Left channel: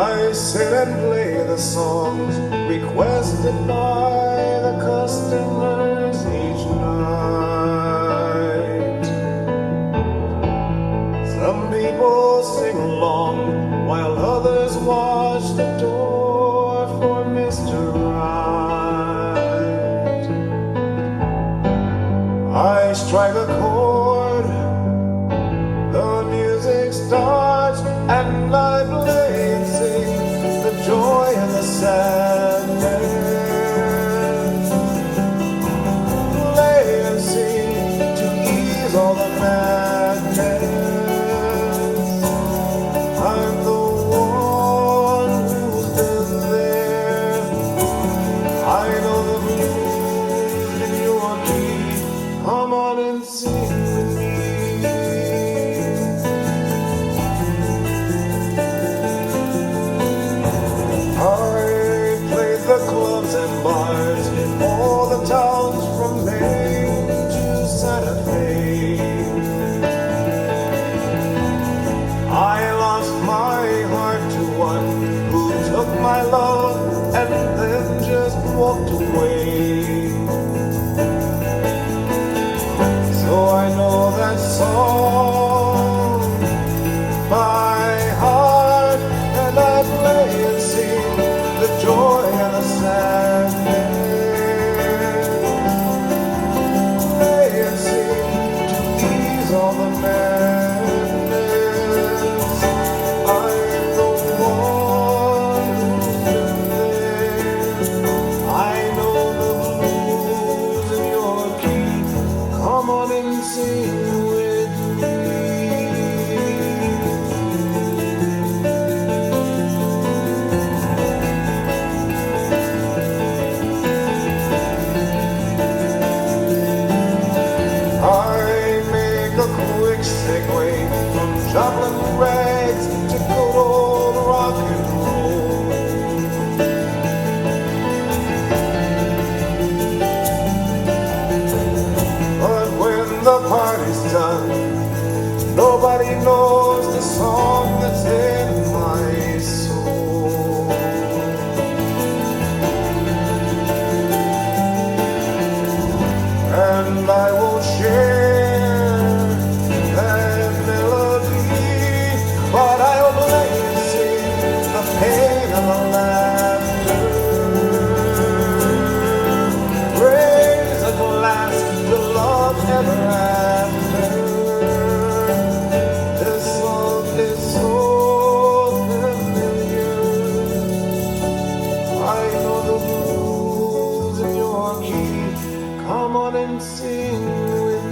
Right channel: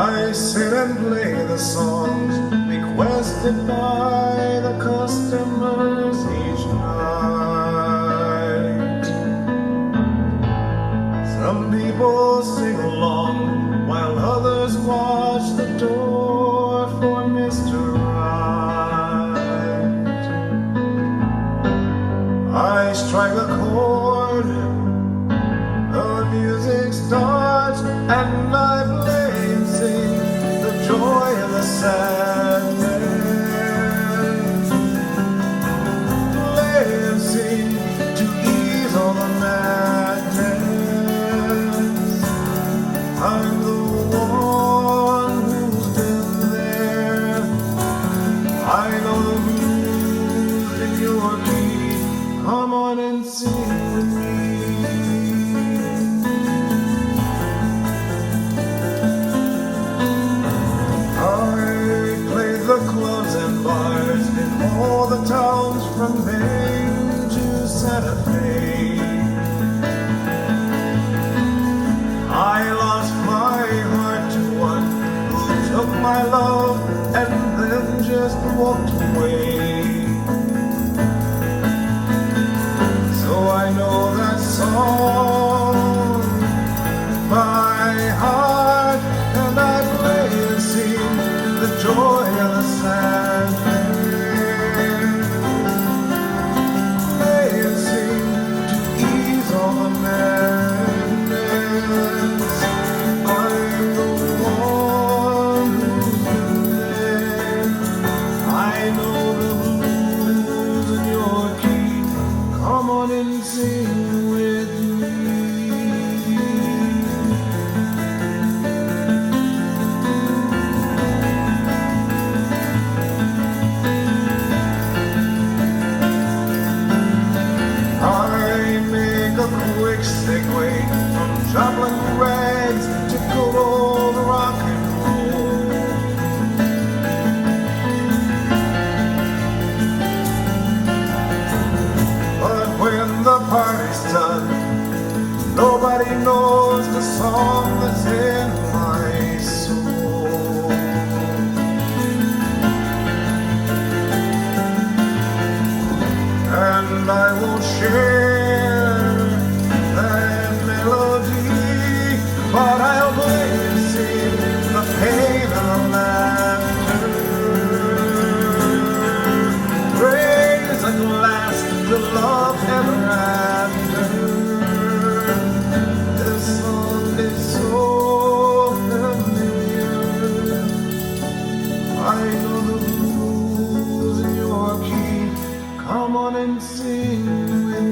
I sit and play the songs requested by the customers each night. Some people sing along while others watch the door for Mr. Right. I strike a chord, the music starts, and I play and sing the joy and the sadness. Play and sing to ease all the madness. I'm the one who's been there. I know the blues in your key. Come on and sing with me. The clubs and bars in all the towns from Maine to Santa Fe. I lost my heart to one who took my love and then just walked away. So I know that song by heart, and I play and sing the joy and the sadness. Play and sing to ease all the madness. I'm the one who's been there. I know the blues in your key. Come on and sing with me. I make a quick segue from joplin rags to good old rock and roll. But when the party's done, nobody knows the song that's in my soul. And I won't share that melody, but I'll play and sing the pain and the laughter. Raise a glass to love ever after. This song is so familiar. I know the blues in your key. Come on and sing with me.